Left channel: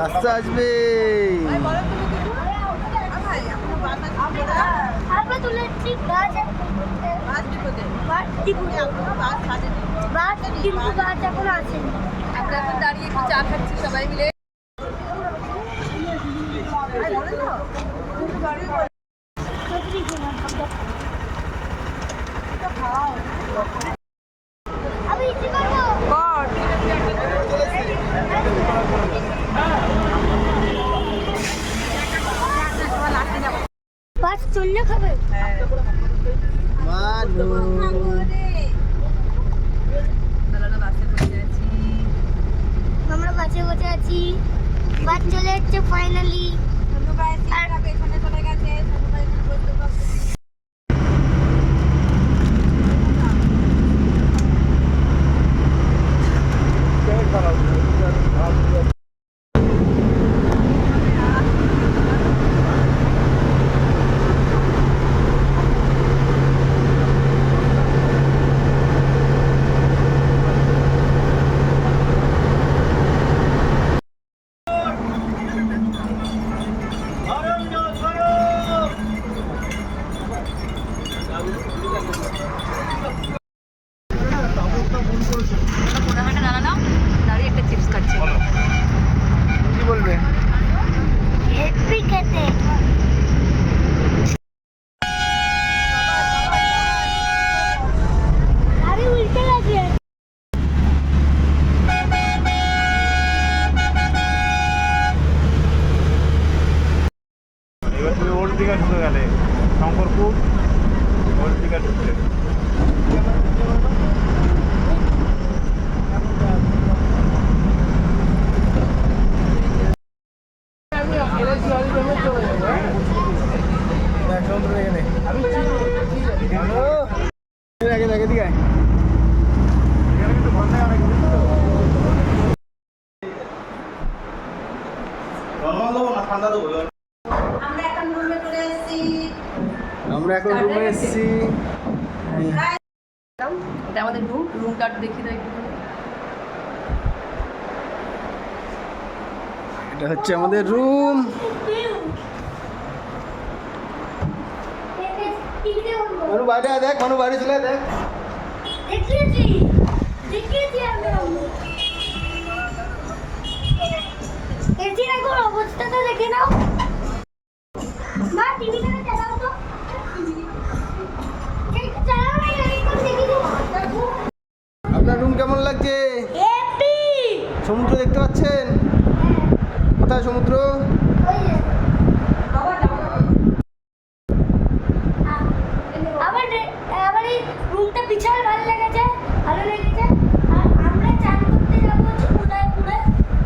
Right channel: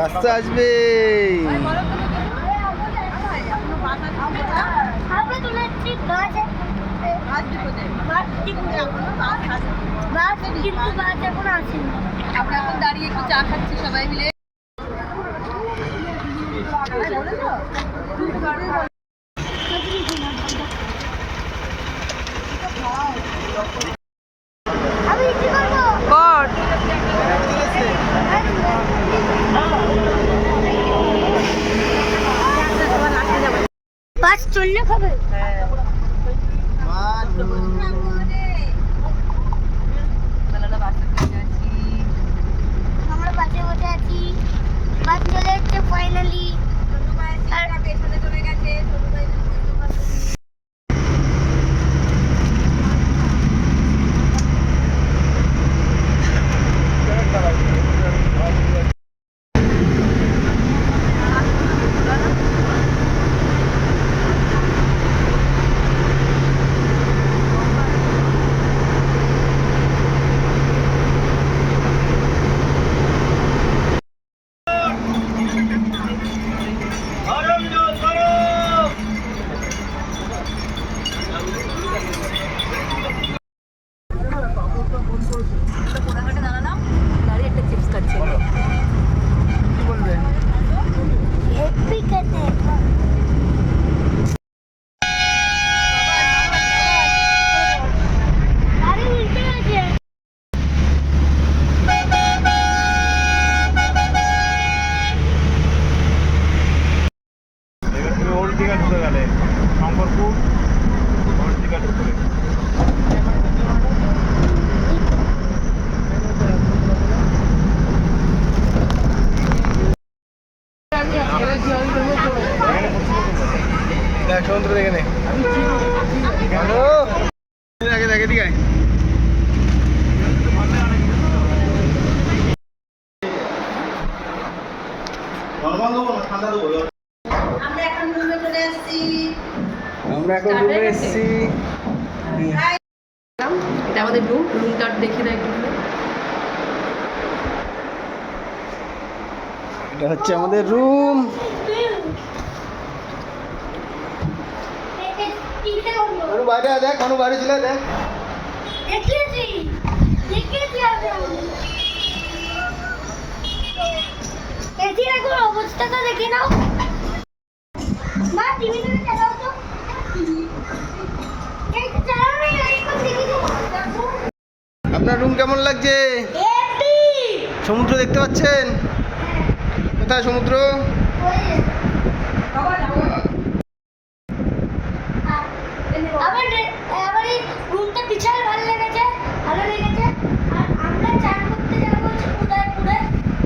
রাস্তা আসবে। আমরা এখন দাঁড়িয়ে একটু চা খাচ্ছি সবাই মিলে। বাস চললে খাবে। আমরা বাসে বসে আছি, বাস চলে এসছে ফাইনালি। চলে গেছে হেপি খেতে। আরে উল্টে গেছে। এবার তুমি ওল্ড দীঘা ঢুকে গেলে, শঙ্করপুর ওল্ড দীঘা ঢুকে গেলে। দেখ সমুদ্র দেখে নে। হ্যালো দেখে দেখে দিকে নরমাল দেবো না ঠান্ডা দেবো। আমরা এখন রুমে চলে এসেছি। এটা আমাদের রুমটা দেখিয়ে দেয় একটু। এটা হচ্ছে আমাদের রুম। মানু বাইরে আয়, দেখ মানু বাইরে চলে আয়, দেখ। দেখিয়েছি আমি। এসির এখন অবস্থাটা দেখে নাও। মা টিভিটা চালাও তো। একটু চালাও না, একটু দেখে দিও। আপনার রুম কেমন লাগছে? হেপি। সমুদ্র দেখতে পাচ্ছেন? কোথায় সমুদ্র? আবার এই রুমটা বিশাল ভালো লেগেছে। আর আমরা চান করতে যাবো হচ্ছে উদয়পুরে।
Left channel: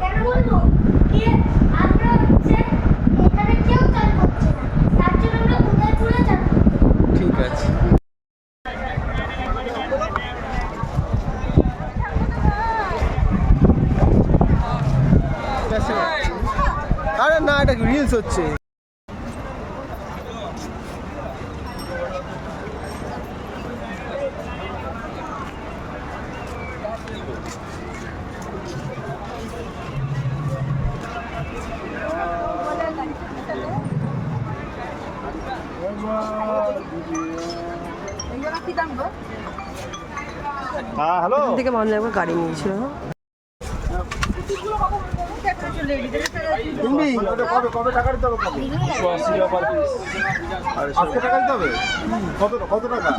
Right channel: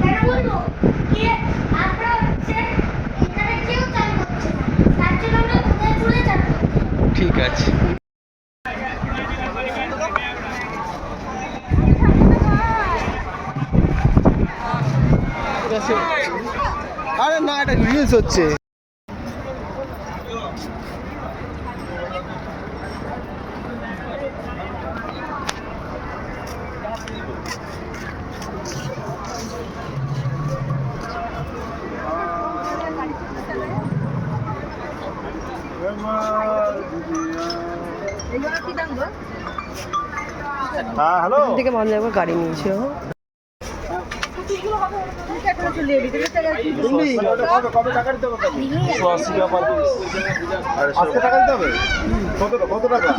কেন বলবো কি আমরা হচ্ছে এখানে কেউ চান করছে না, তার জন্য আমরা উদয়পুরে চান করতে যাবো। ঠিক আছে। আরে না, এটা রিলস হচ্ছে। হ্যাঁ হ্যালো থেকে মনে একবার গাড়ি নিয়েছিল। কত টাকা দিতে হবে? 180 টাকা পার পিস। আরে 100 টাকা দিতে হবে? কত টাকা?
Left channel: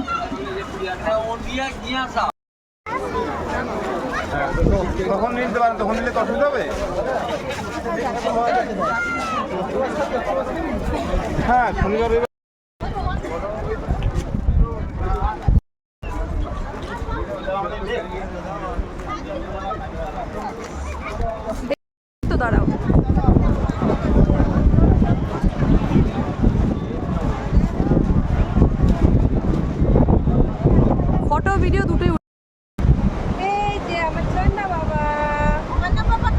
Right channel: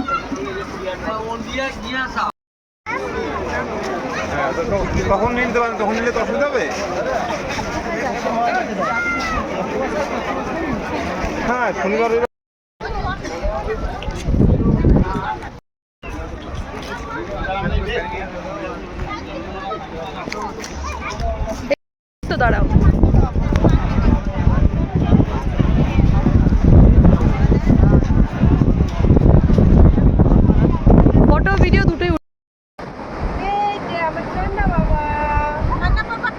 হ্যাঁ, কখন নিতে পারেন? তখন নিলে তো অসুবিধা হবে। হ্যাঁ শনিবার তো দাঁড়াও। ফটো ভিডিও দুটোই। এই যে আমার ঠান্ডা বাবা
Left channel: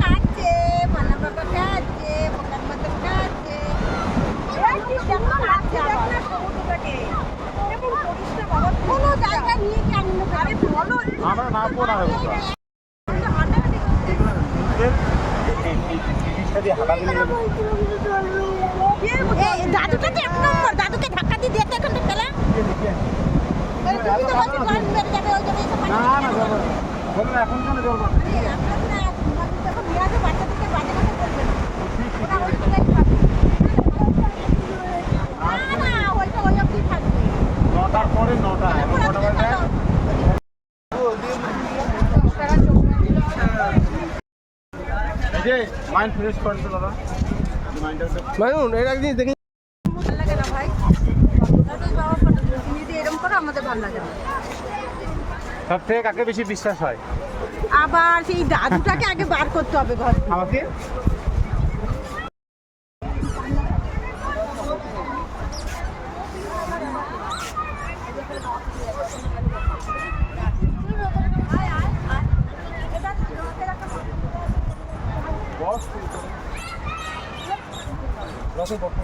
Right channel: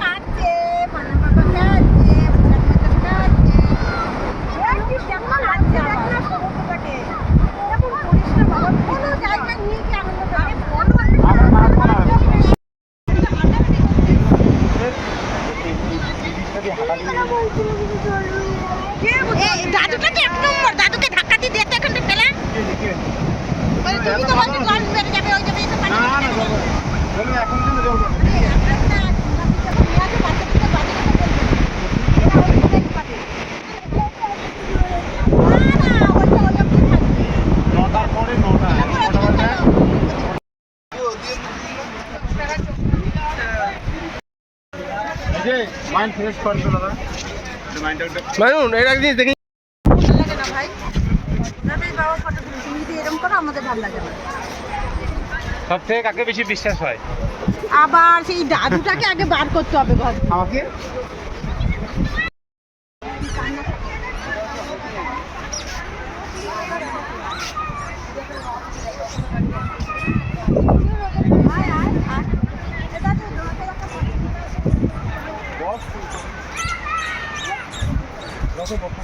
কাটছে, ভানা বাবা কাটছে, ভানা বাবা কাটছে। এই কি কেমন আছে আমার সমুদ্রটাকে? কেমন করিস না বাবা, কোনো জায়গা নিয়ে কি আনন্দ করে বলো। আমরা মারবো না। এই দাদুটা কি এক নম্বর, দাদুকে ধাক্কা দিয়ে দেখতে এখানটা ফেলা। তুমি তো বলছো জল মেরে যাবে, ওই যাবে এসব পানি। না না বলো এখন কেন জল করো? নটার পরে 9টা এখন কটা বাজে? এই যে মাইন্ড ফ্রেশ করছো দাদা, মাইন্ডটা মাইনুন এর এক জিনিস দেখি ভালো লাগে না ভাই, দাদাই বাবা ফটো তুমি যদি এরকম করো আমাদের ভালো লাগে না। সব থেকে কাকে বেশি বিশ্বাস হয়? আবার সেই দাদুটাকে আগে বার করতে হবে ঘর থেকে। আমাকে বস রসে বসো।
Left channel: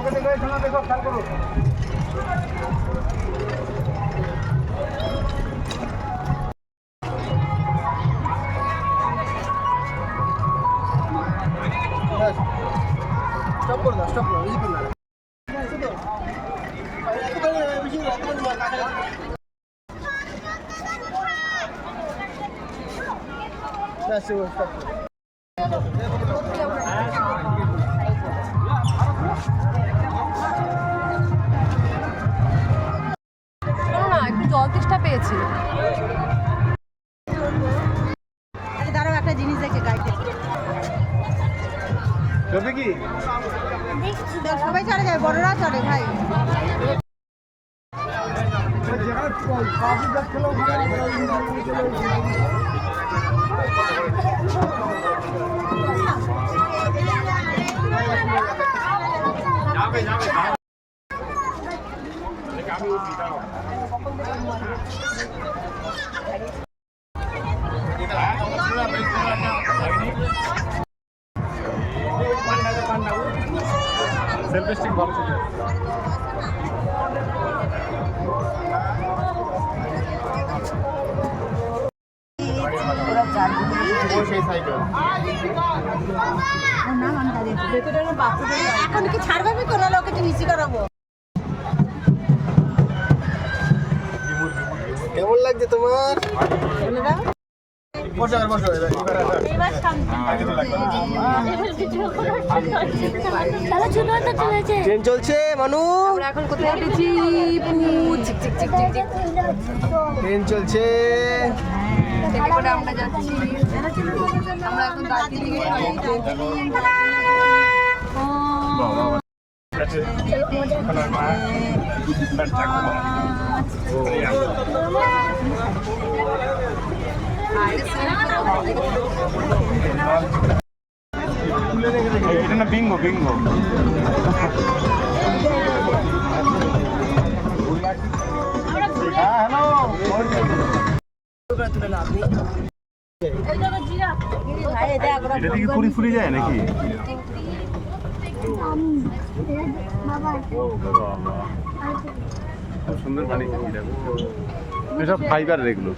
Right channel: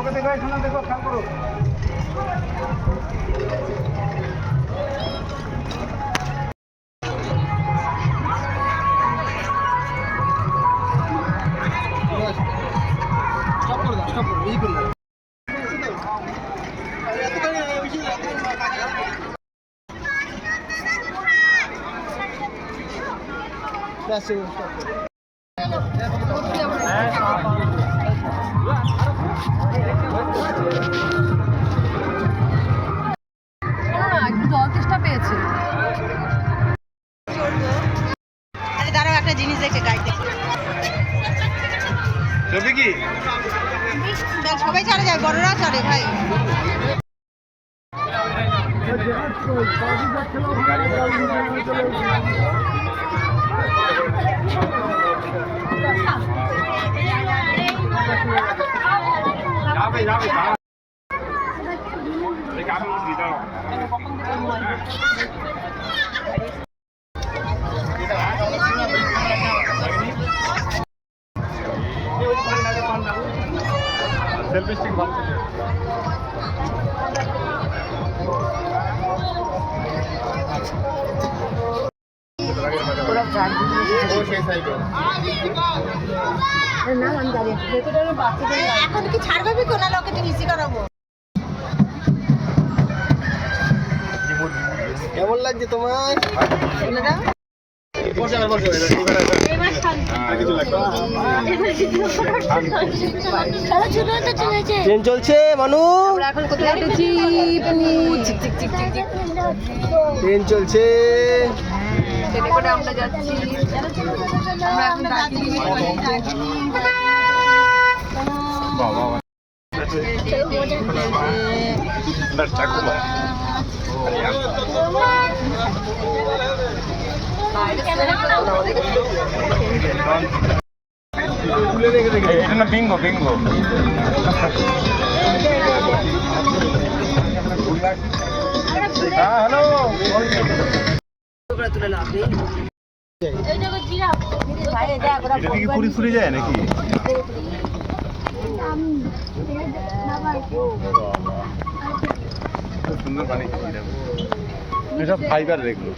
ওকে দেখো, শোনা দেখো, খেয়াল করো। স্টপ করে দাও, স্টপ করো, এই করে দাও। ব্যাস, স্টপ করো। জল তেষ্টা পেয়েছে। আরে দাঁড়াও, একটা জিনিস দেখে গাইড দেখে। ছবি কি? সবাই চলে যায়, বড়রা চলে ভাই। সেলফি স্টিক ভালো ছিল। এখন কি ছাড়বে কোন লোকে নিচি করাবো? কেমন লাগছে তোমার? ট্রেন চলছে মানু, আমরা এখন কোথায় উঠেছি? ট্রেন চলছে। আমরা যাচ্ছি, আমরা এখন এটা না বিঙ্গো বিঙ্গো। হ্যাঁ হ্যালো, এটা কি পুরি ফুরি যায় নাকি? খুব সুন্দর বানিয়েছে, এসব ফাইবার রেগুলো।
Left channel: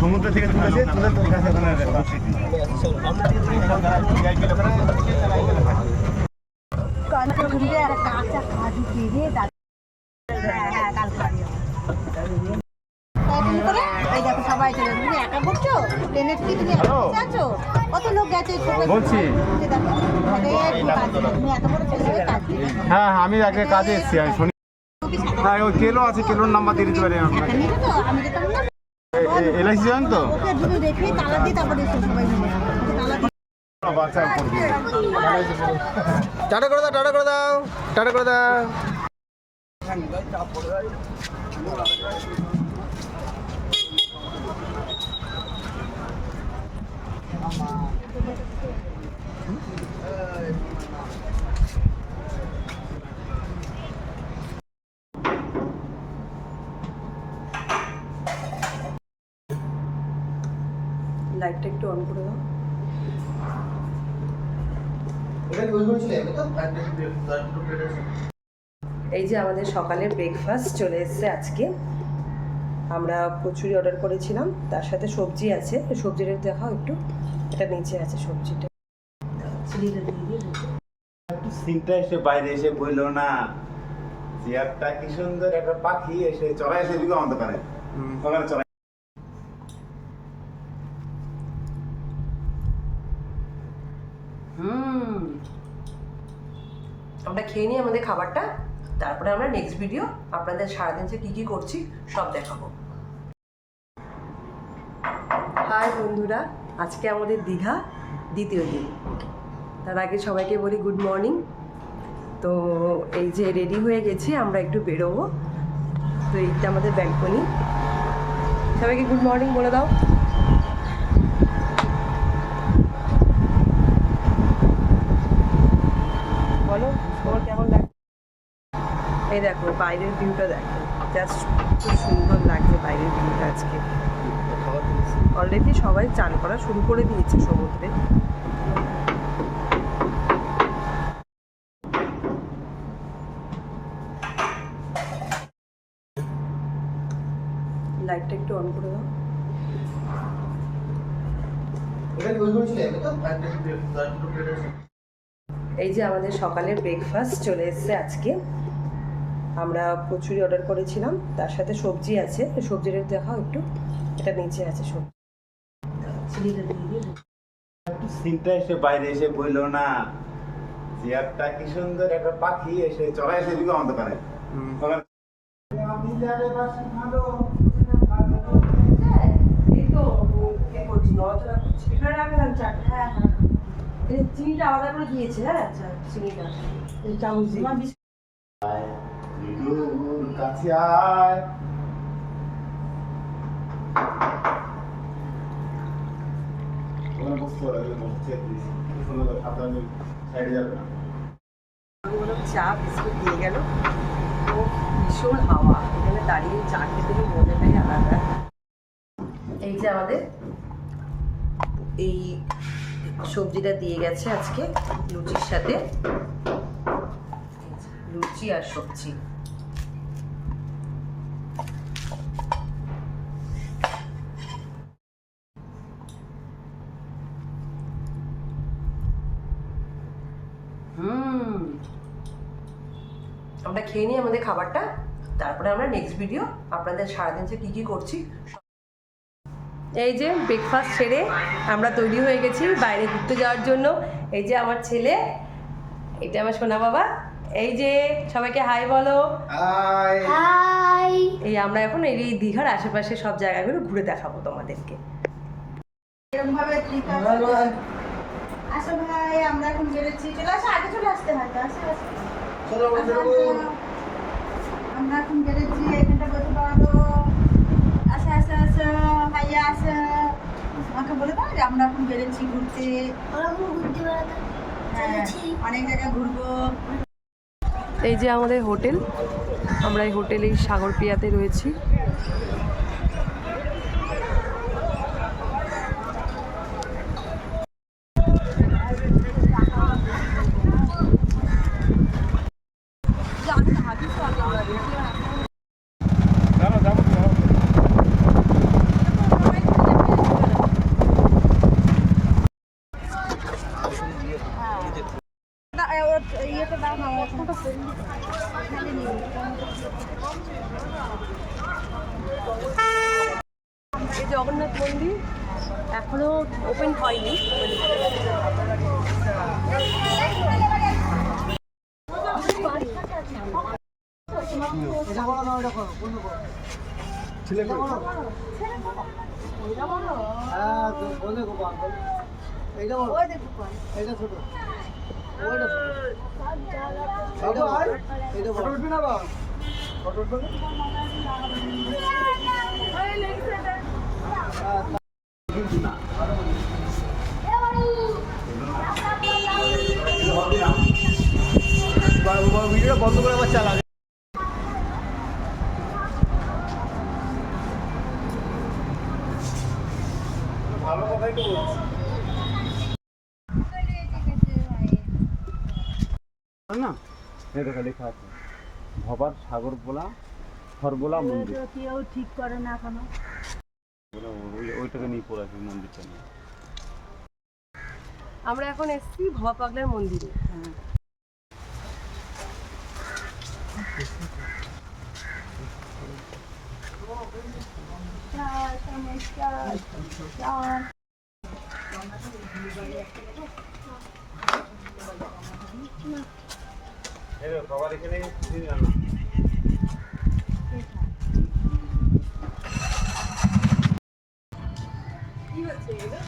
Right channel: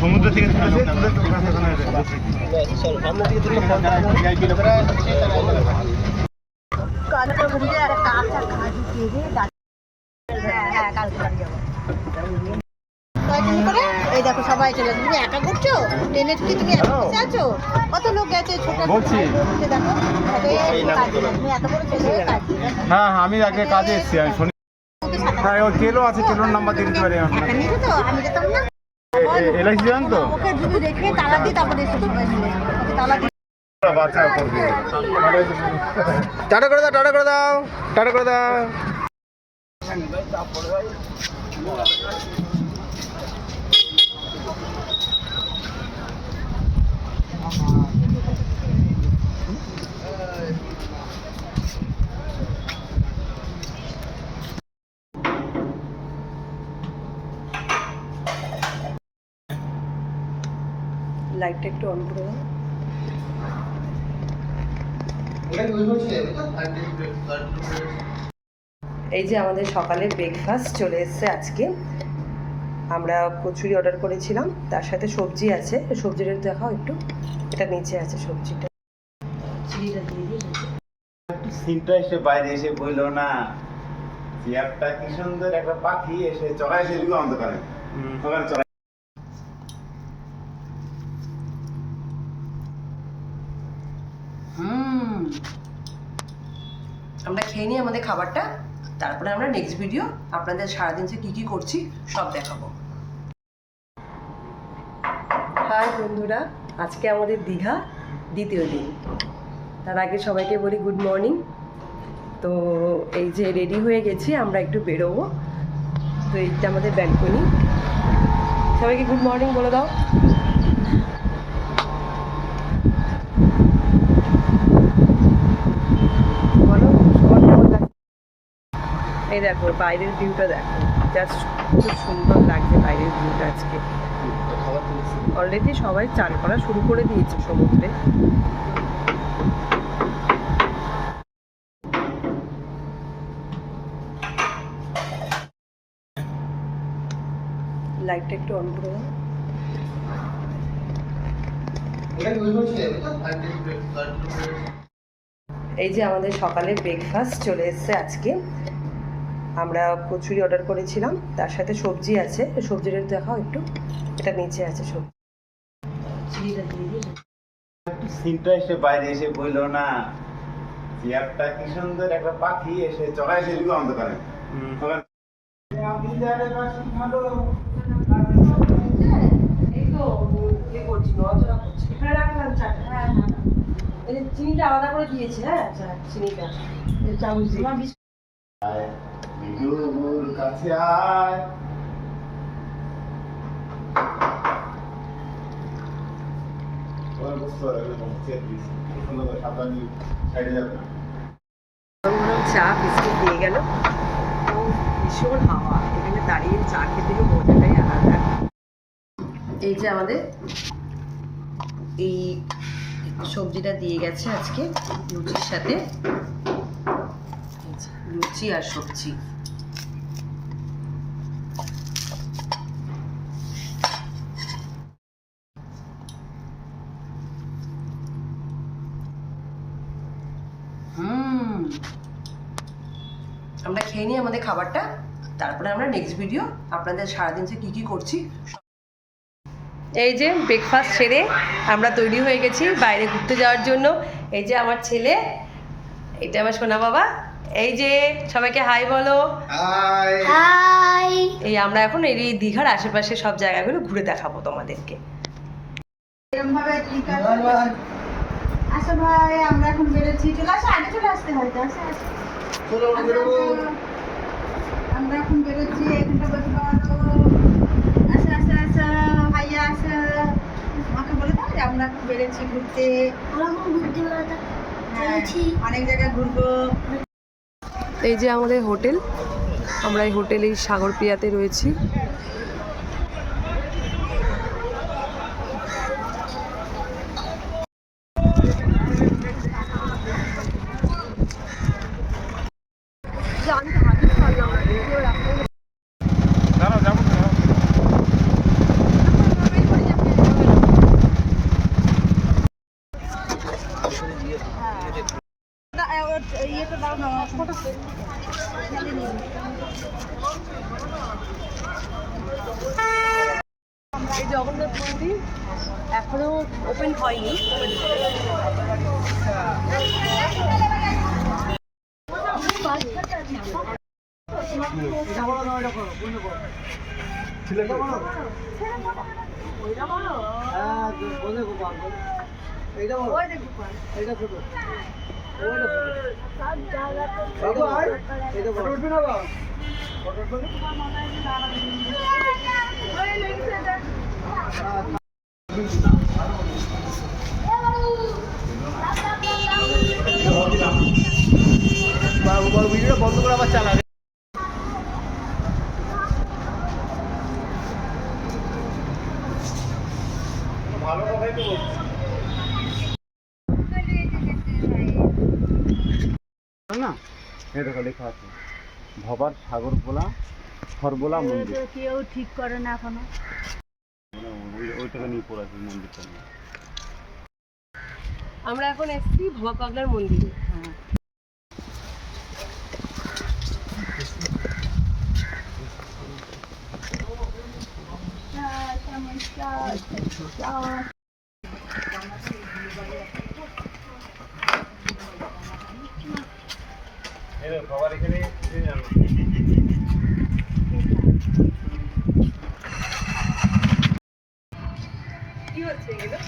সমুদ্র থেকে এই দেখো সবাই চলে, তুমি একা করছো ট্রেনে? তুমি একা বসে আছো? কত লোক গেছে বলছি। দেখো তুমি এত বড় ছেলে হয়ে কাজ দিবে। হ্যাঁ হ্যাঁ, আমি আগে কাজে এসেছি, আমি শুনি। হ্যাঁ ওই কেলো আছে, কেলোর নাম্বার দিয়ে দিতে পারি আপনাকে। নিয়ে তো আমি যেতাম না, এলআইসি জান তো? ওকে শুধু রেখে তালা দিয়ে তারপরে এসে সবাই মিলে তালা দিয়ে। বাচ্চা করবে। টাটা করে দাও, টাটা করে দাও, টাটা করে দাও। লাইটটা একটু অন করে দাও। এই যে আমাদের সকালের ব্রেকফাস্ট চলে এসেছে আজকে। আমরা কচুরি অর্ডার করেছিলাম, তার সাথে সবজি আছে। সবজিটা দেখাও একটু, এটা নিচে আছে সবজিটা। চিনিটা দিয়ে দিই। সিনটা এসে বাইরে এসে বইলো না চেয়ারটা কি সুন্দর একটা পাখি এসে চড়াই এসে দিকে অন্ধকারে ওখানে চড়াই। আমরা খেয়ে নিই আমাদের খাবারটা, তারপরে আমরা নেক্সট ভিডিও আপনাদের সারাদিন যে কী কী করছি সব দেখাবো। হাই বন্ধুরা, আজকে আমাদের দীঘা দ্বিতীয় দিন। তার আগে সবাইকে বলি গুড মর্নিং। তো এই যে রেডি হয়ে গেছি, আমরা একটু বেরোবো। তো এইটা আমাদের ব্যালকনি। সবাইকে গুড মর্নিং বলে দাও। বলো সবার কেমন লাগছে? এই দেখো বাইরের ভিউটা দেখো, জাস্ট খুব সুন্দর লাগছে বাইরের ভিউটা আজকে। অলরেডি সবাই চান করা শুরু করে দিয়েছে সমুদ্রে। লাইটটা একটু অন করে দাও। এই যে আমাদের সকালের ব্রেকফাস্ট চলে এসেছে আজকে। আমরা কচুরি অর্ডার করেছিলাম, তার সাথে সবজি আছে। সবজিটা দেখাও একটু, এটা নিচে আছে সবজি। চিনিটা দিয়ে দিই। সিনটা এসে বাইরে এসে বইলো না চেয়ারটা কি সুন্দর একটা পাখি এসে চড়াই এসে দিকে অন্ধকারে ওখানে। এই তো ইয়ে করছি, নড়াচড়া করছি। এখানে রাখলাম চাটা। হ্যাঁ হ্যাঁ, এই যে চিনিটা আলাদা করে দিয়েছে। হ্যাঁ আচ্ছা, চিনিটা চামচ দিয়ে। বিদুর কাছে আয় চা বিস্কুট দিয়ে গেল। ও ভীষণ হাওয়া, এখানে দাঁড়িয়ে চা খেতে মজাটাই আলাদা। এই যে আমাদের এই সবজিটা দিয়ে গেছে আজকে লুচির সাথে। লুচি আর সবজি। আমরা খেয়ে নিই আমাদের খাবারটা, তারপরে আমরা নেক্সট ভিডিও আপনাদের সারাদিন যে কী কী করছি। এই যে ব্রেকফাস্ট সেরে আমরা তৈরি হয়ে গেছি বাইরে ঘুরতে যাওয়ার জন্য। এই যে আমার ছেলে, এটা আমার সোনা বাবা। এই যে সবাইকে হাই বলো। হাই। এই আমরা এখন এই দীঘার আশেপাশে সব জায়গাগুলো ঘুরে দেখাবো তোমাদেরকে। এরকমভাবে ঠিক আছে। আসো ভাই, আমরা এখন বেরোচ্ছি। চলে আসো, আগে চলে আসতে হয় তো। আসো আসো। আমরা এখন বেরোচ্ছি, এখানটা বসে পাওয়ালো। আসো আসো আসো ভাইয়া আসো। আমাকে বলে দাও যে আমরা এখন বেরোচ্ছি ঘুরতে। ওরকম ঘুরতে বেড়াতে হ্যাঁ, চলেছি। অনেক জায়গায় ঘুরবো। এই যে আমাদের হোটেল, আমরা এই হোটেলেই সাগরপ্রিয়াতে রয়েছি। ইয়েটা দাও না, ফটো এই জগন্নাথ মন্দির এখনো ওপেন হয়নি। ভিডিওটা বন্ধ করে আবার চালাবে। ভালো কথাই তো বলছি না, এটা লেখা আছে ভবার সাগর বোলা খরবোলা মন্দির। কেউ ঠিক করে না এখনো। ওইটাকে নিয়ে পড়ে আছে মন্দিরটা নিয়ে। আমরা এখন এসেছি ভবা পাগলার মন্দিরে। বাবার এখানে কি হচ্ছে এগুলো?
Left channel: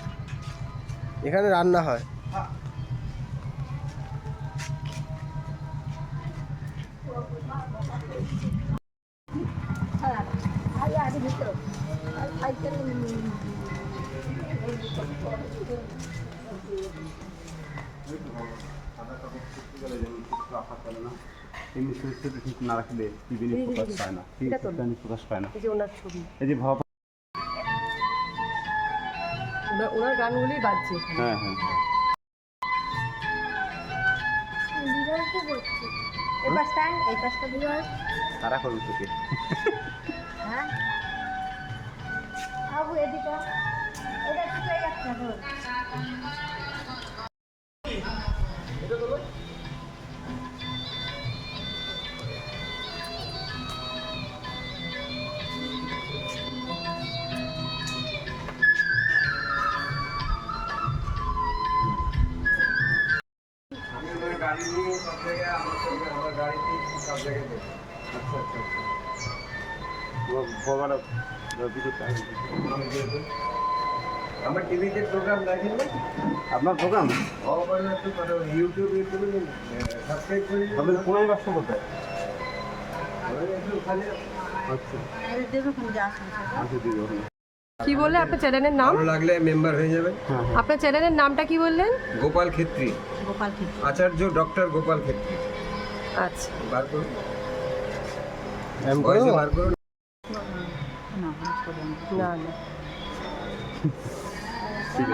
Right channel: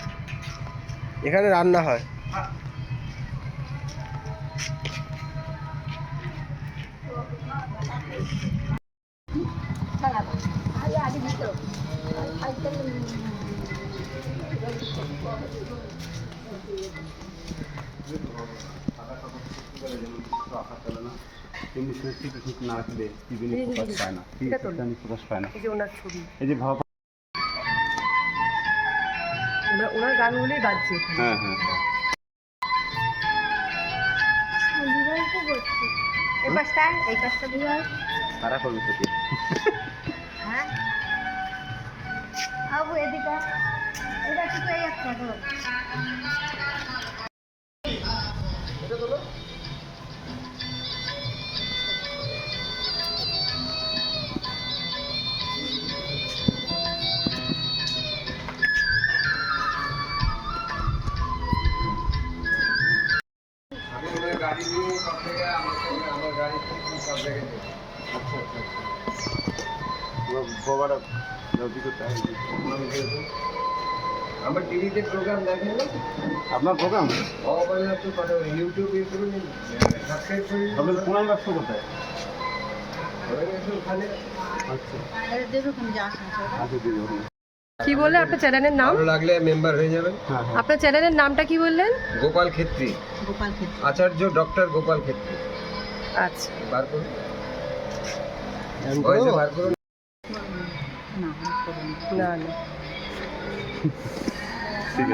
এখানে রান্না হয়। রাখা চলে না, এমনি ঠিক না রাখলে টিভি প্রকাশ পায় না, প্রকাশ পায় না। এই যে ওনার ছবি, এই যে ভাবা, ওনার গানগুলোই বাজছে এখানে। হ্যাঁ হ্যাঁ এই পাশটা, এই পাশটা দিয়ে তারা করবে থেকে হ্যাঁ আবু এদিকে এটা একটু এই একটা ধর। গাড়ি নিয়ে সব জায়গায় আমার গাড়িতে সব জায়গায় দেখি। আচ্ছা আচ্ছা আচ্ছা বাবার আমার টিভিতে প্রোগ্রাম দেখেন না, আপনার প্রোগ্রাম ইউটিউব করুন, সাবস্ক্রাইব করুন। আপনাদের পুনাই বাক্স কোথায়? ওখানে আচ্ছা দেবে ওখানে যাওয়ার সময় আচ্ছা দিদি ওখানে। কি বললে আপনার চ্যানেলের নাম? ভালো লাগলে মেম্বার হয়ে যাবেন। হ্যাঁ হ্যাঁ আপনার চ্যানেলের নামটা কি বললেন? গোপাল ক্ষেত্রী, গোপাল খেতে আচার্য ডক্টর গোপাল ক্ষেত্রী। আচ্ছা, বার করুন, আমি ভয়েসে বার করুন। না করে না না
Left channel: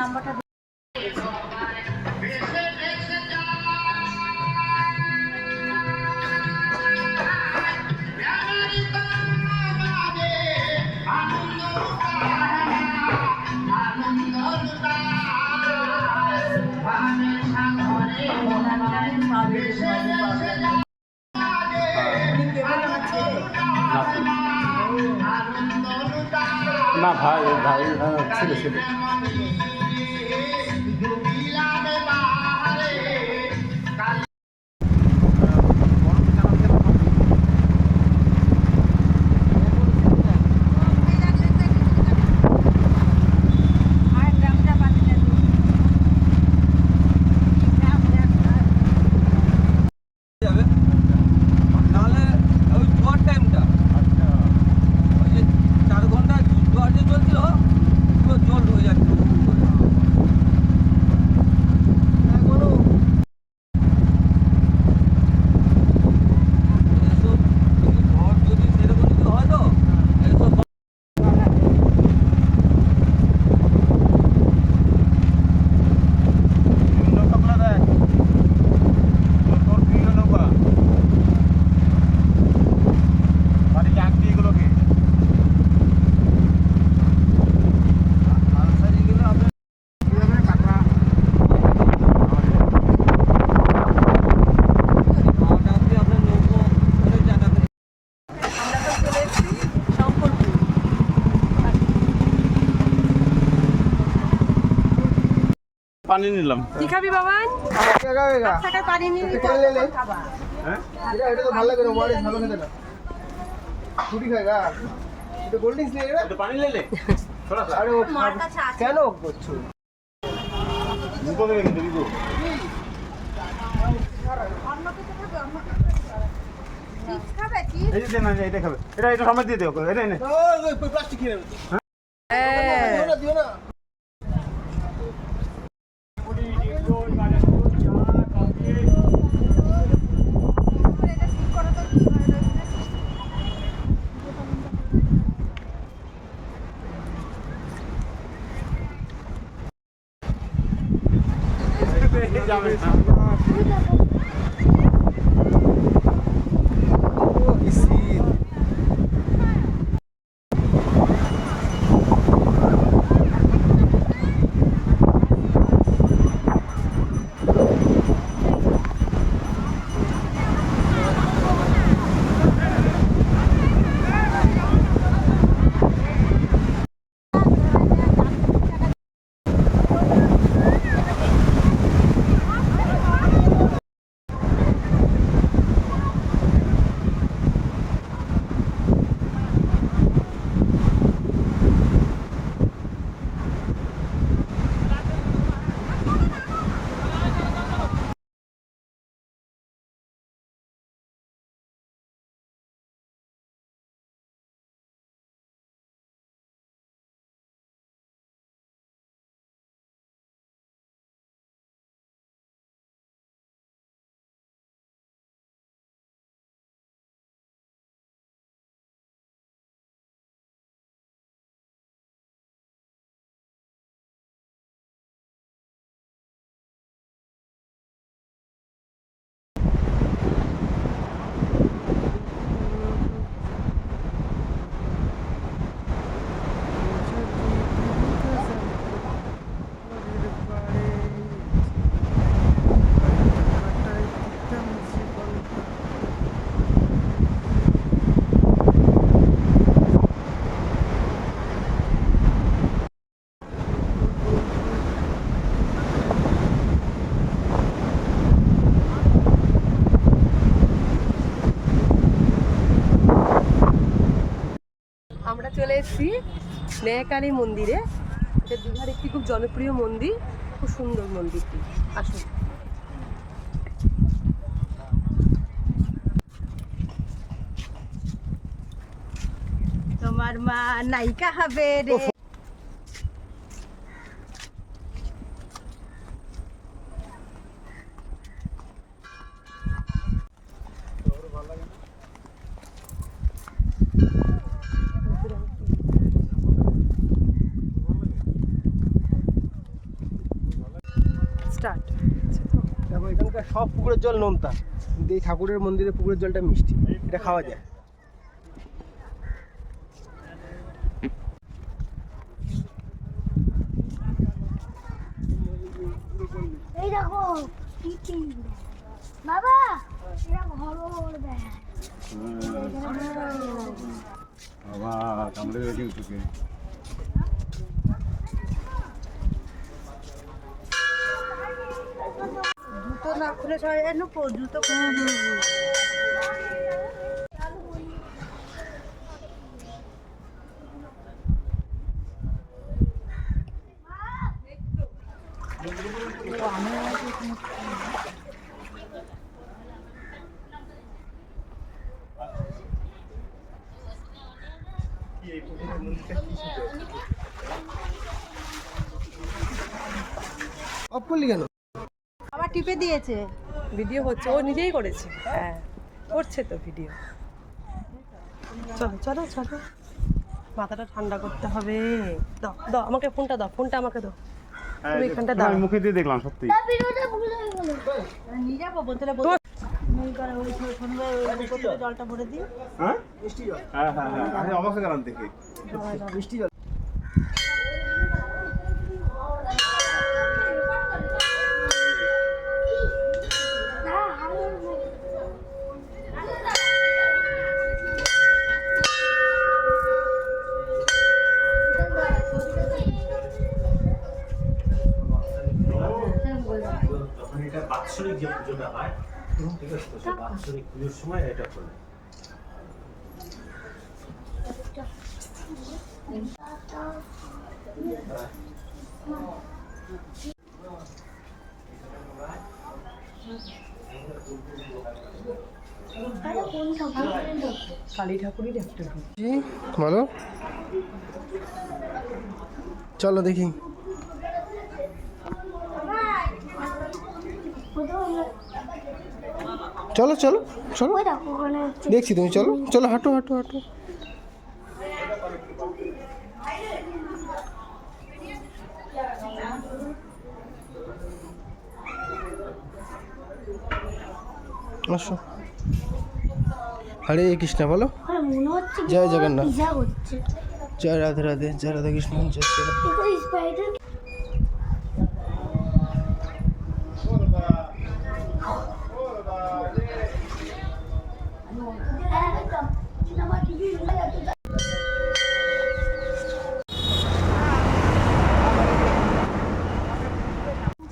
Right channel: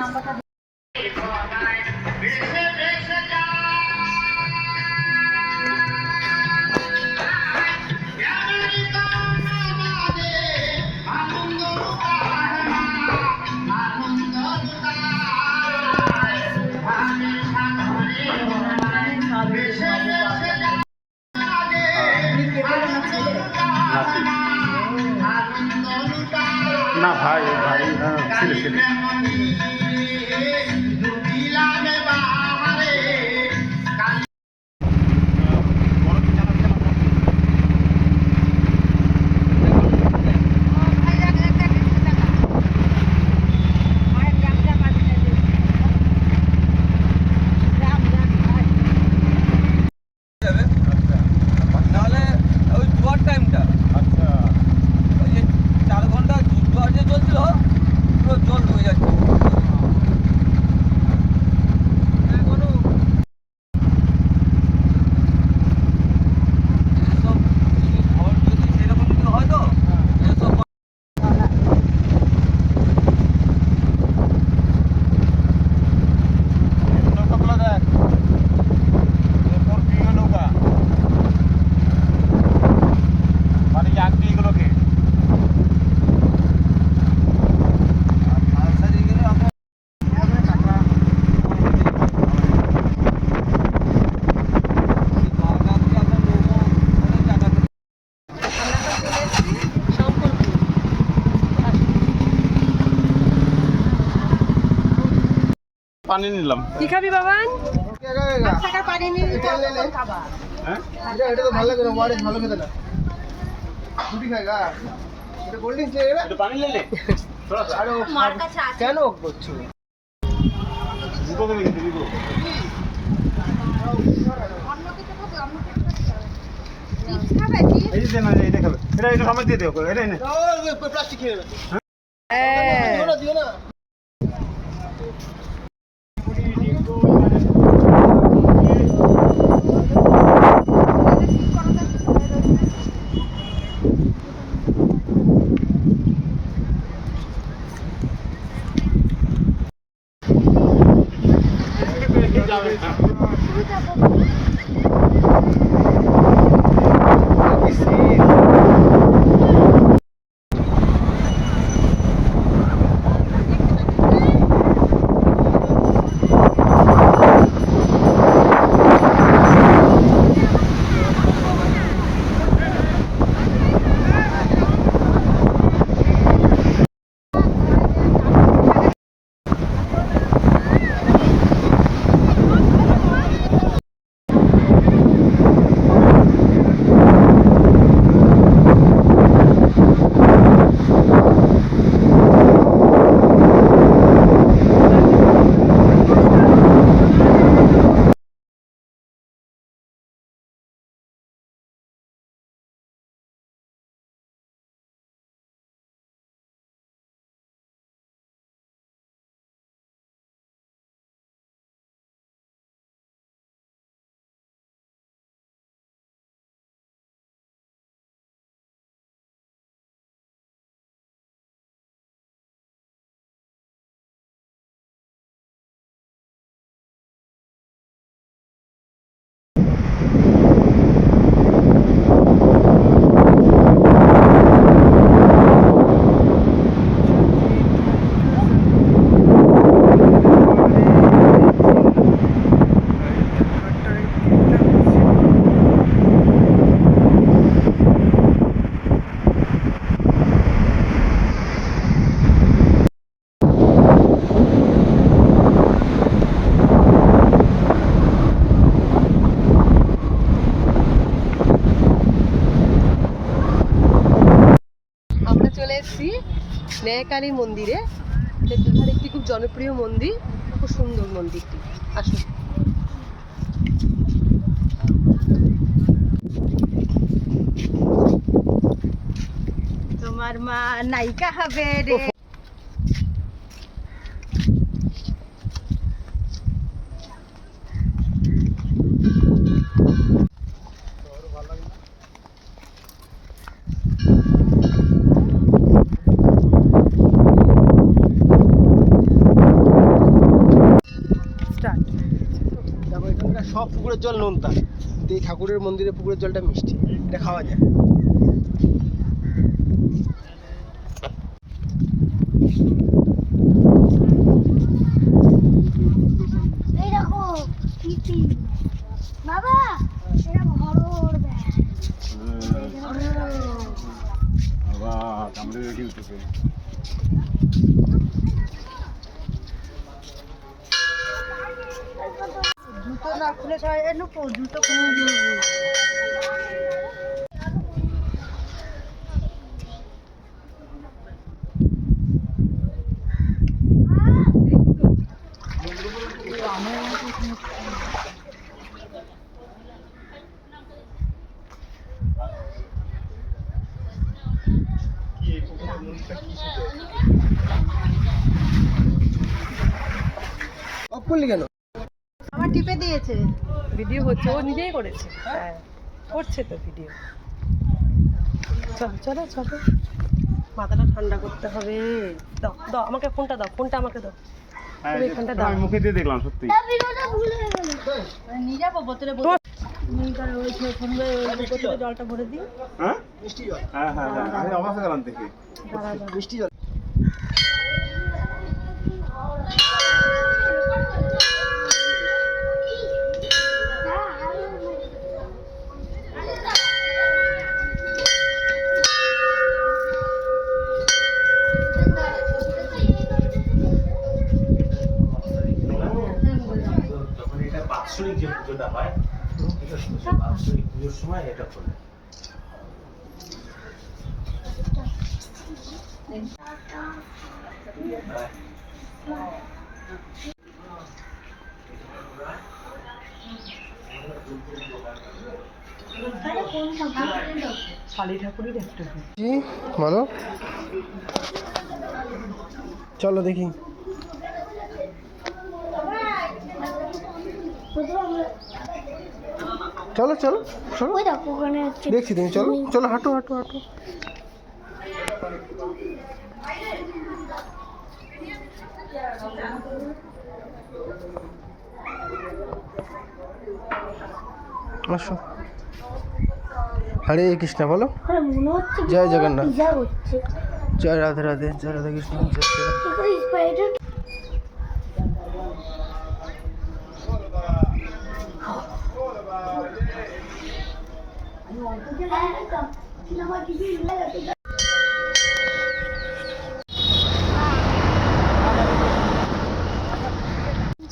নাম্বারটা নাতি। না ভাই ভাই ছেলে ছেলে নাহলে ওই জোয়ার টাইমটা আচ্ছা ওই যে 4 ঘন্টা জোয়ার যে চলছিল পুরো জল হয়ে যাচ্ছে এখনো এসব যদি ঘর যদি সেরকম যদি হয় তো এসব আনসারিগুলো আমরা খাওয়া দাওয়া দিয়ে আমরা নৌকো করে জায়গা করে আমরা তো চলে এসেছি শঙ্করপুর। পানি নিলাম। কি খাবি বাবান? টাকার পানি নিয়ে খাবা। হ্যাঁ এটা তো ভালো লাগে না, ওয়ারেস ভালো খেতে না। রুটি খায় গা, এটা কোল্ড ড্রিঙ্কস নিয়ে গেলে। একটু পানি লেলে থোড়া সা আরে ও মার কাছে আছে কেন করছো? দুটো করে কিন্তু দিব। অন্য কিছু খাবে, অন্য কিছু খাবে। চিপস খাবে চিপস? এই যে না এটা খাবে এটা সময় দিয়ে দেবো এটা নে প্লাস্টিক খেয়ে নেবে হ্যাঁ দিও না দিও না আমরা চলে এসেছি স্নেহকালী মন্দিরে। এটা দীঘার একটি খুব জনপ্রিয় মন্দির, খুব সুন্দর মন্দিরটি। আসুন। তোমার মা নায়িকা হবে রে। স্টার্ট। দেখো এখানকার সব পুকুরের জল নোনতা, কিন্তু এই ঠাকুরের মন্দিরে পুকুরের জলটা মিষ্টি, এটা খাওয়া যায়। এই দেখো টিটি বাবা এটা ঘর দেখ বাবা কামড়ে কিন্তু জুতো না খুলে সবাই নুকো জুতো খুলে অফ করলি কেন? আমার টিপে দিয়েছে। ভিডিও হচ্ছে, ও নিজেই করেছে। হ্যাঁ করছে তো ভিডিও। চলো চলো চলো, মাথাটা ঠান্ডা করতে হবে। দাও দাও আমাকে ফোনটা দাও, ফোনটা আমাকে দাও। তুমি এখানটা দাও। আমি মুখে দিয়ে দেখলাম সত্যি। ভিডিওটা ভুল হয়ে গেল নিয়ে যাবো বোতলে ওই বোতলে জলটা ভরে দিই। হ্যাঁ মিষ্টি জল, হ্যাঁ হ্যাঁ হ্যাঁ আমি অবাক হয়ে গেলাম দেখে। মিষ্টি জল। তখন এটা বাৎসরিক যে পুজোটা হয়, ঠিক আছে, তো সেই বাৎসরিক পুজোর সময় এটা করে। আরে কোন ঠাকুর? কালী ঠাকুরের একটা কি বলো, চলো দেখি। চলো চলো চলো, ওই দেখো ওখানে হচ্ছে দেখছি তুমি, চলো চলো, হাঁটো হাঁটো হাঁটো। আসো। হরে কৃষ্ণ বলো। ওখানে মনে হচ্ছে জয় জগন্নাথ। পূজা হচ্ছে। জয় রাধে রাধে, জয় রাধা কৃষ্ণ, জয় শ্রী রাধে। ওখানে স্পাইডার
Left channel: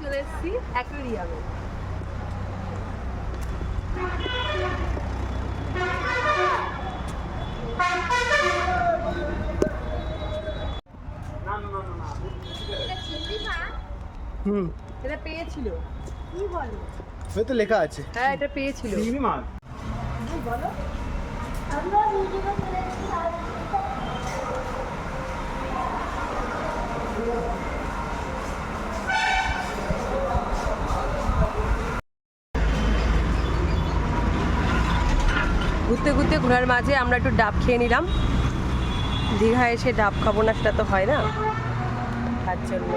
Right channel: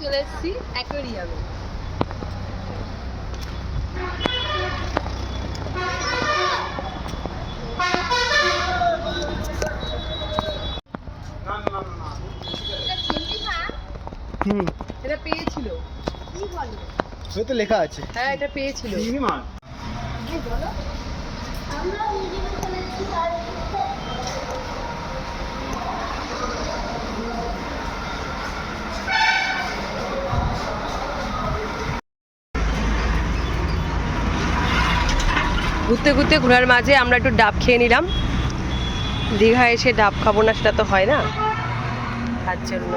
চলে এসেছি অ্যাকোয়ারিয়ামে। হুম, এটা পেয়েছিল, কি বলে? ওই তো লেখা আছে। হ্যাঁ এটা পেয়েছিল। চিংড়ি মাছ। আমরা ওদিকে চলে এসেছি আর ঘুরতে ঘুরতে ঘোরার মাঝে আমরা একটু ডাব খেয়ে নিলাম। দীঘা এসে ডাব খাবো না সেটা তো হয় না, তার জন্য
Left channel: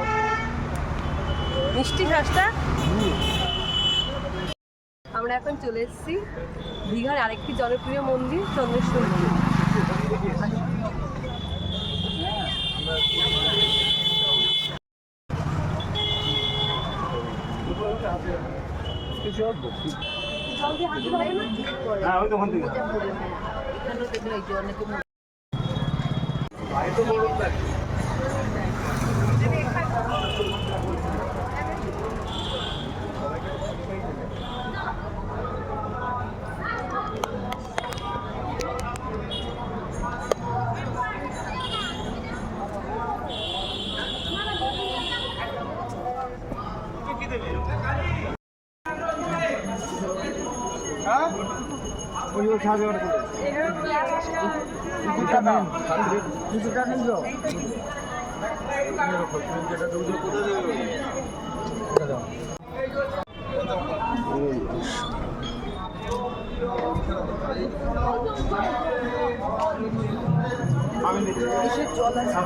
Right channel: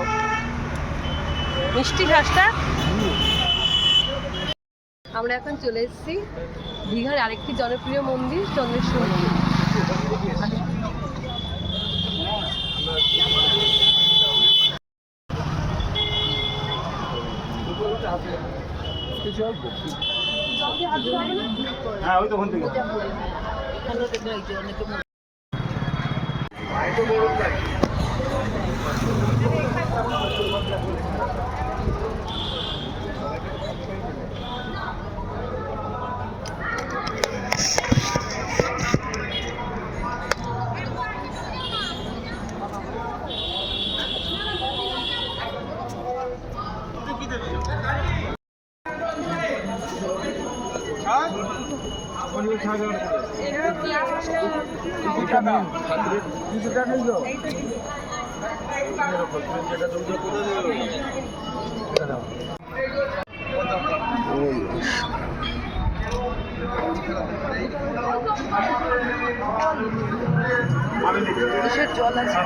মিষ্টি ঘাসটা। আমরা এখন চলে এসেছি দীঘার আরেকটি জনপ্রিয় মন্দির চন্দ্রেশ্বর মন্দির। হ্যাঁ ওই তো ওখান থেকে। কিসের জল আছে?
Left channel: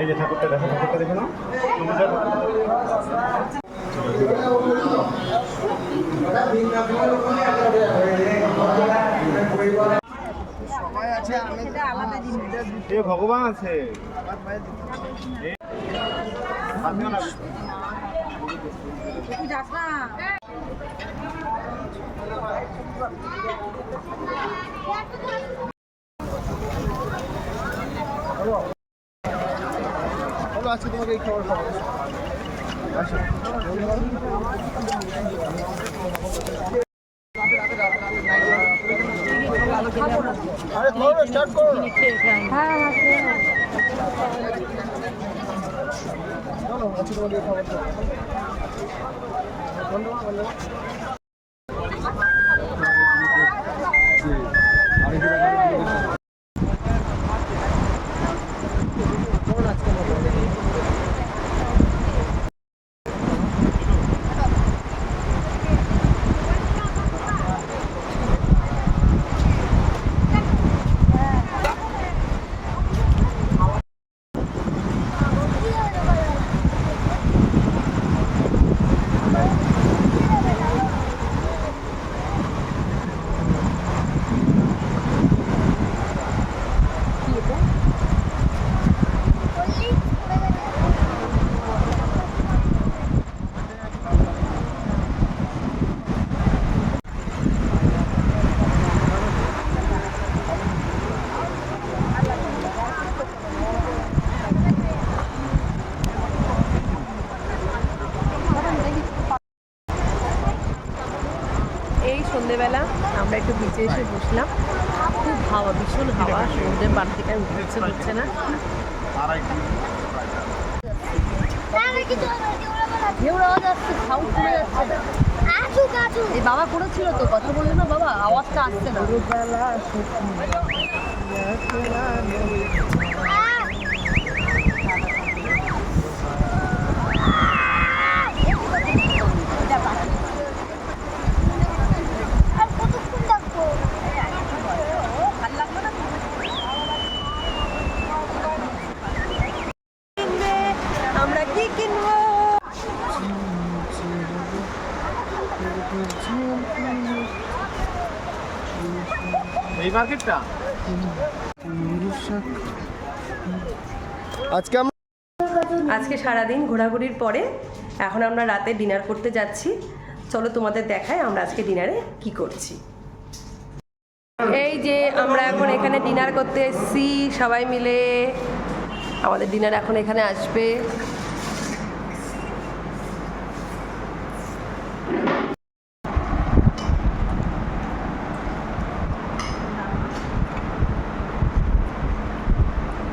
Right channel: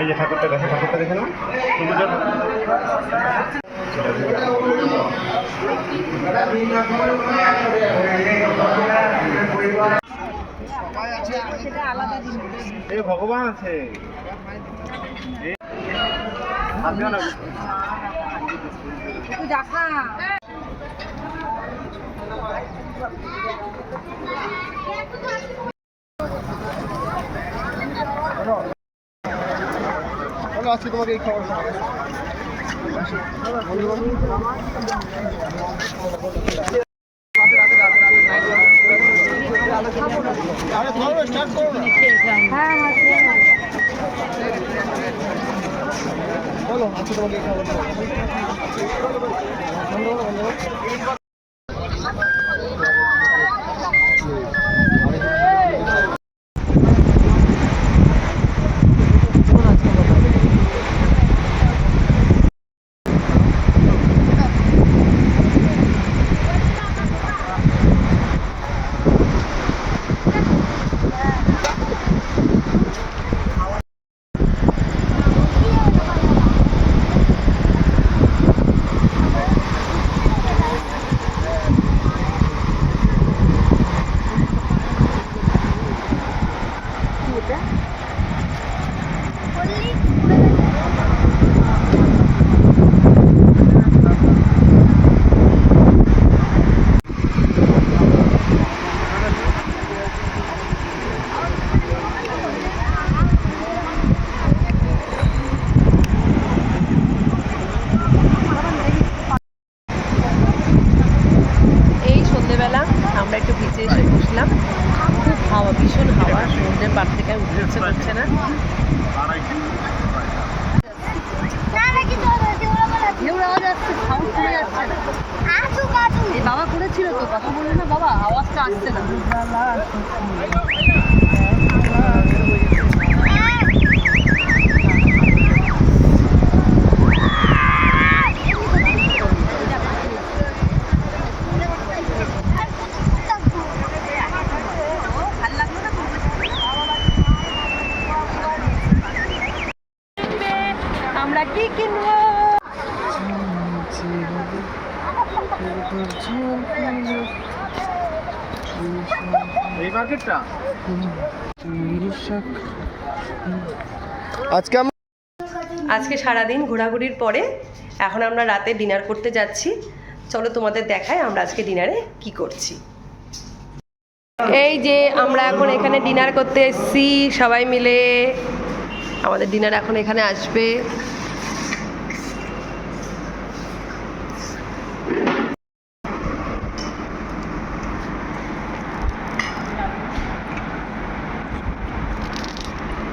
এই যে ঠাকুরটা দেখে, ঠাকুরটা দেখে নাও। সেটা আলাদা জিনিস। এ ভগবান আছে। আমিও না তুই যাস না। চলো আজকে তোমাকে এই খবর পাবো। আরে ধরো, স্টার্ট করো না। হ্যাঁ হ্যাঁ চলো আজকে তোমাকে এই খবর পাবো। ইচ্ছে করছে না। না না কিছু হবে না, কেউ বলা ঢেউ আওয়াজ আসছে, সাউন্ড কমে যাচ্ছে না। আসুক আসুক। এই বাবা করেছিল তো, কথা বললো না বাবা, আওয়াজটা আসছে না। আর কতক্ষণ লাগবো? ভালো লাগলো না আমরা কি কিনবো? এই মার্কেটটা আজকে আমরা আজকে সারাদিন ঘোরাঘুরির পরে এখন আমরা রাতে ডিনার করতে যাচ্ছি। চলো তোমাদের দেখাই আমরা আজকে ডিনারে কি করছি। এই যে আমরা এখন এখানে ডিনার করতে এসেছি সবাই মিলে। আমাদের ডিনার এখন এখানে আসবে।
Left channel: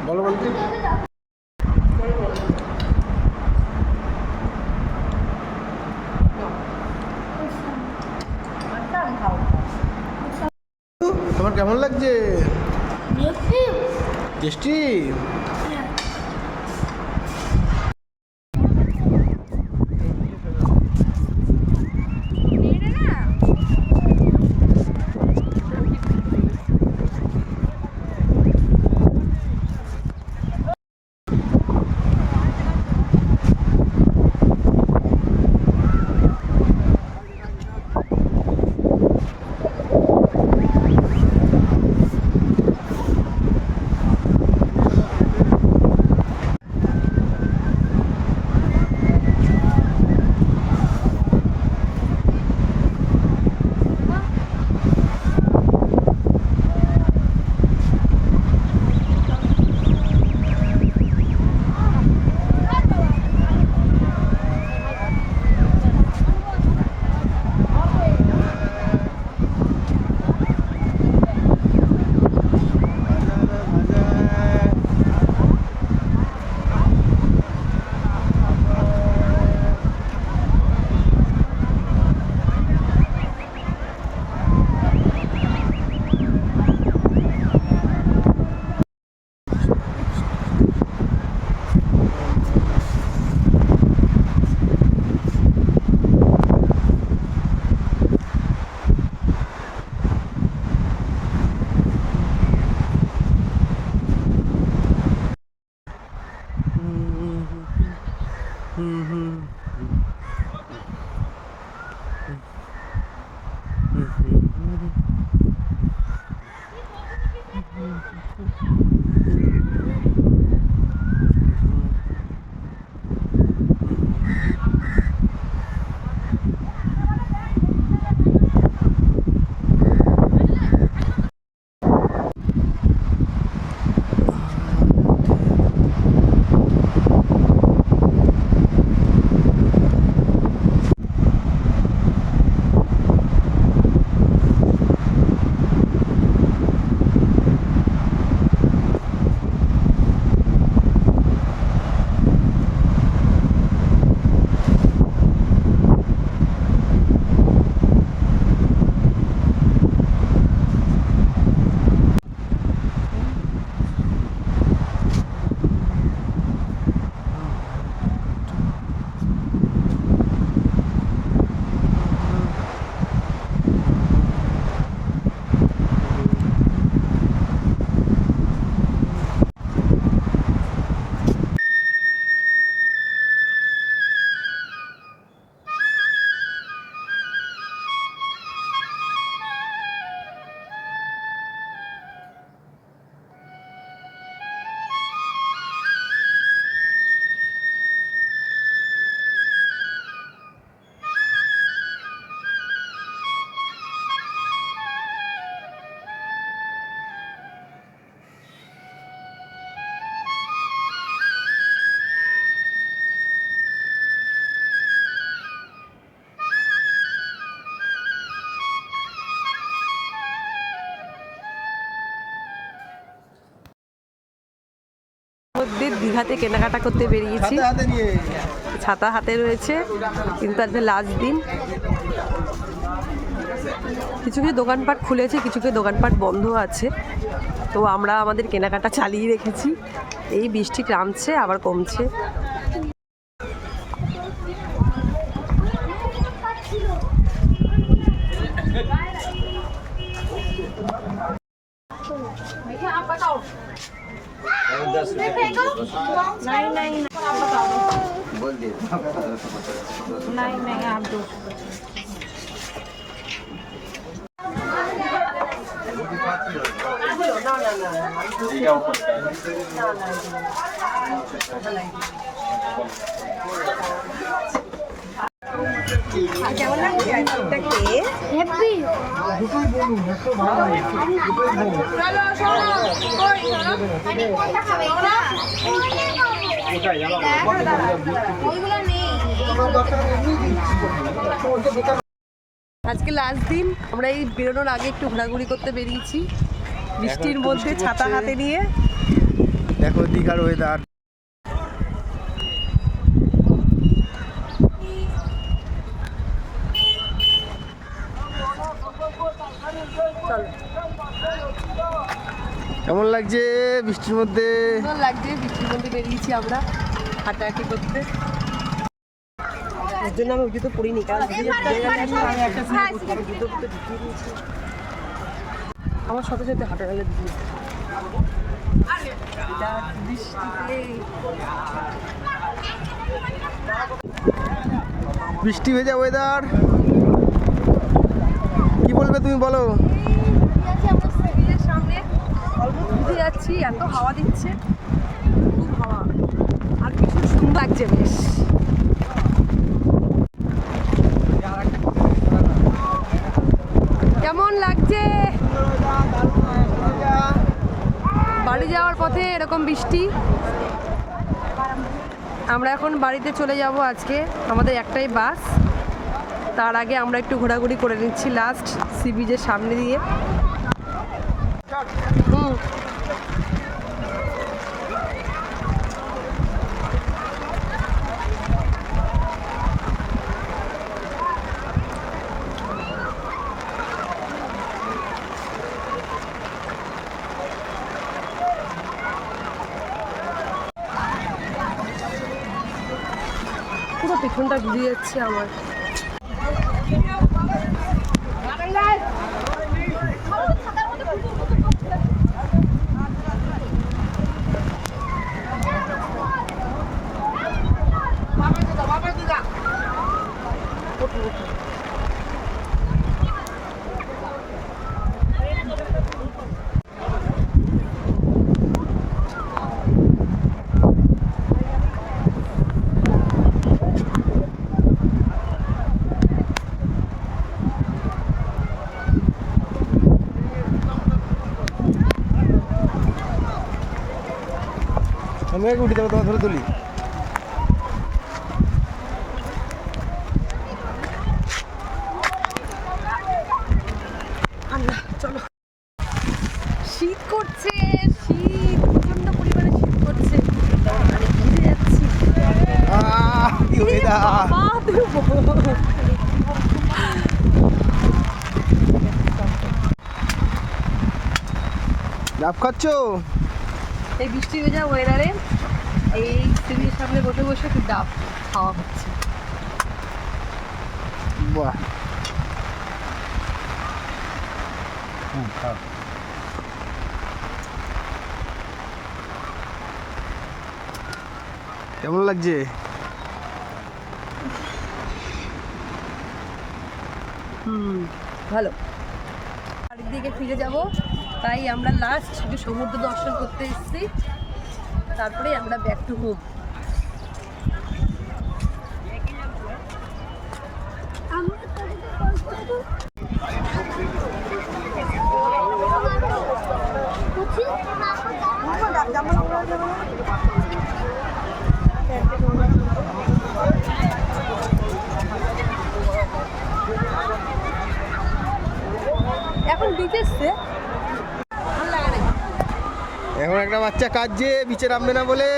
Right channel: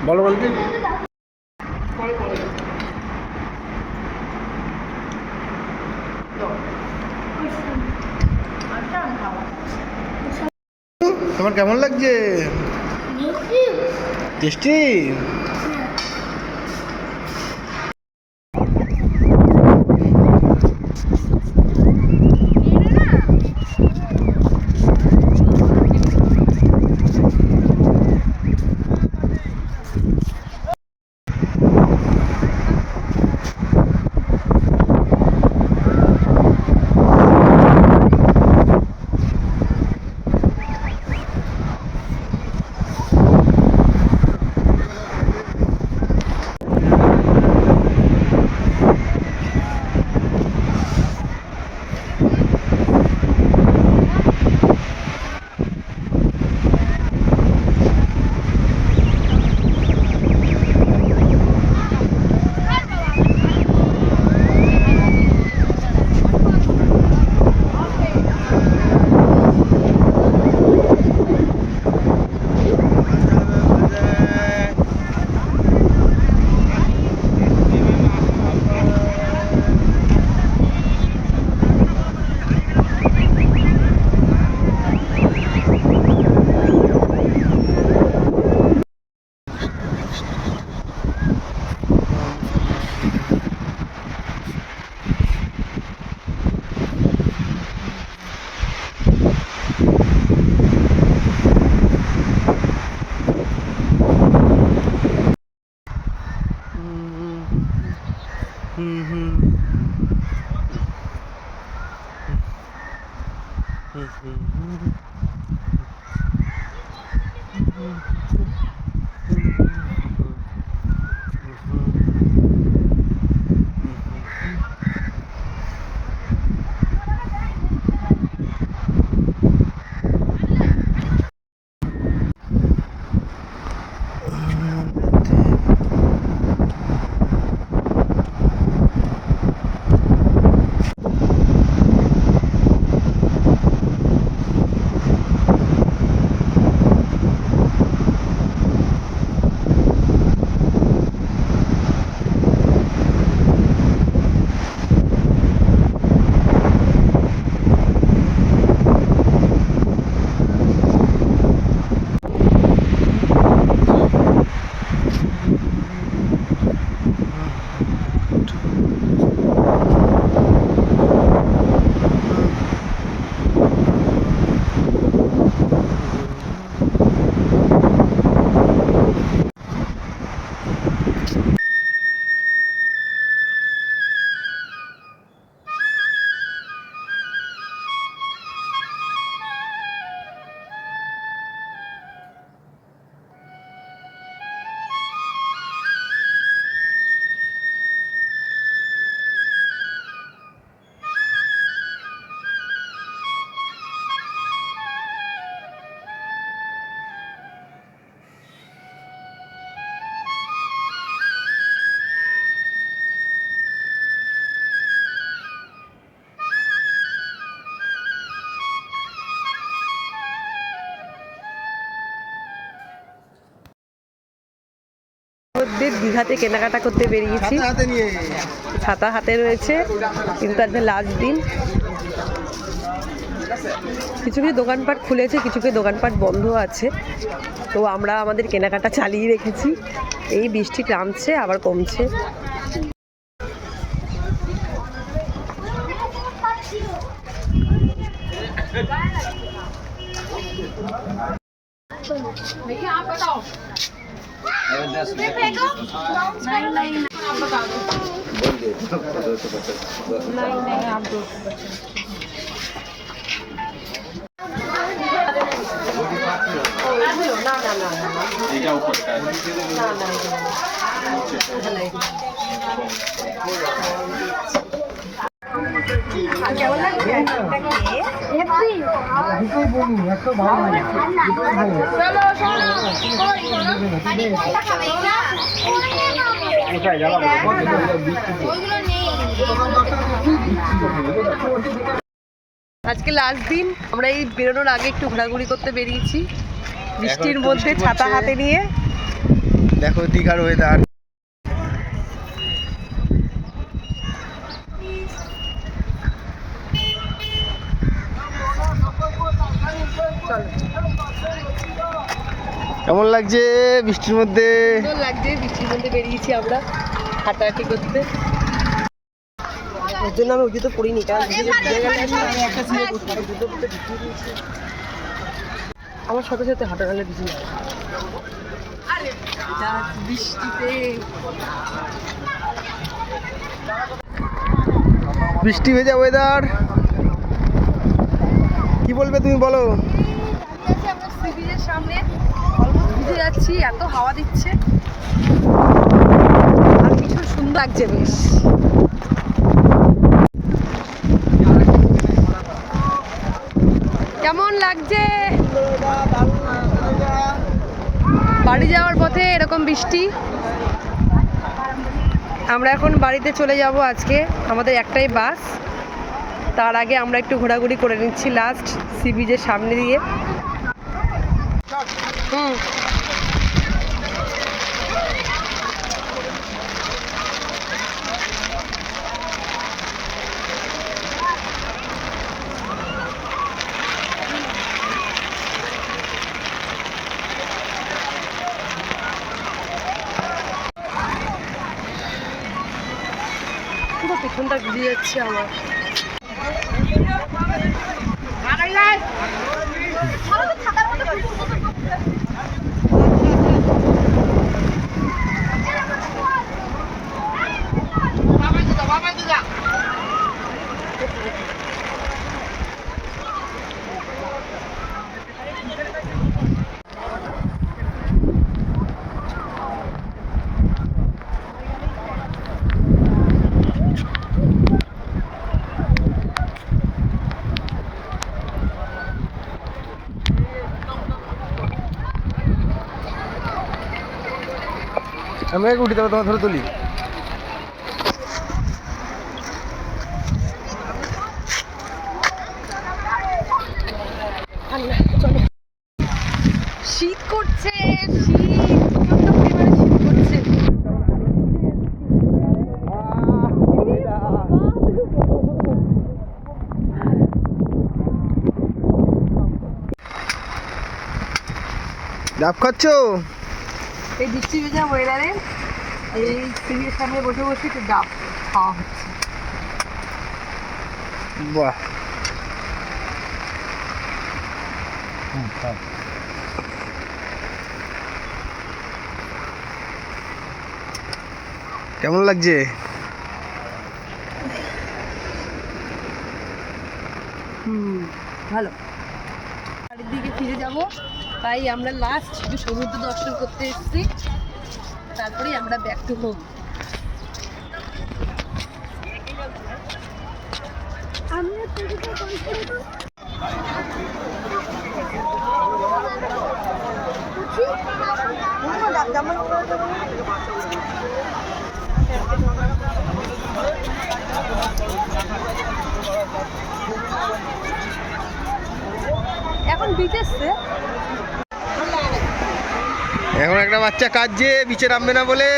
বলো বলো তোমার কেমন লাগছে? টেস্টি। মধ্যে দীঘাতে কেনাকাটা করতে বেরিয়েছি। ছাতা হাতে নিয়ে ছাতা হাতে রয়েছে, কিন্তু আজকে লাস্ট দিন। কিছু কিছু দোকানপাট খুলেছে, কিছু কিছু দোকানপাট বন্ধ আছে। তো আমরা আমাদের কেনাকাটা চালিয়ে রেখেছি। এই বৃষ্টি নামছে আবার কমছে। আজকে লাস্ট দিন, আমরা এই বেরোনোর আগে একটু ঘোরাঘুরি করতে বেরিয়েছি বৃষ্টির মধ্যে ছাতা হাতে নিয়ে। দেখো দীঘার ওয়েদার। কেমন লাগছে বৃষ্টির মধ্যে? সুন্দর লাগছে, বৃষ্টির মধ্যে বেরিয়েছি আমরা হাঁটাহাঁটি করতে। ওর জন্য আমি ওই জুতো পরিনি, কারণ আমার সাথে সাথে হাঁটা গেলে বৃষ্টিতে বৃষ্টি ভেজা ওয়েদার, কি বলবে তুমি বলো? সামনে অল্প ভিজে যাচ্ছি, এত হাওয়া দিচ্ছে আর কিছু সুন্দর লাগছে বেশ। কেমন লাগছে? বাড়ি যাওয়ার পথে এরকম বৃষ্টি। আমরা এখন বাড়িতে চলে যাব আজকে, আমাদের একটাই বাস। তার আগে আমরা একটু ঘোরাঘুরি করে নিচ্ছি লাস্ট সি বিচের সামনে দিয়ে। পুরো পেছনটা ভিজে যাচ্ছে আমার। আমি আগে উঠি, তবে তোমার ধরে তুলি। চলো, শীত করছে, প্রচন্ড পরিমাণে শীত করছে, ভিজে যাচ্ছি। ডাব খাচ্ছ? এই বৃষ্টি ভেজা ওয়েদারে এই সিভির সামনে বসে বসে একটু ডাব খাওয়া হচ্ছে। বাহ, কেমন লাগছে? ভালো। বাড়ির দিকে ফিরে যাব, তাই আমরা লাস্ট শুধু সমুদ্র দর্শন করতে এসেছি, তারপরে আমরা ব্যাক টু হোম। এখন বিচ এসছে, এখন একটা বাচ্চা কাঁদছে বিচে নামবে না বলে।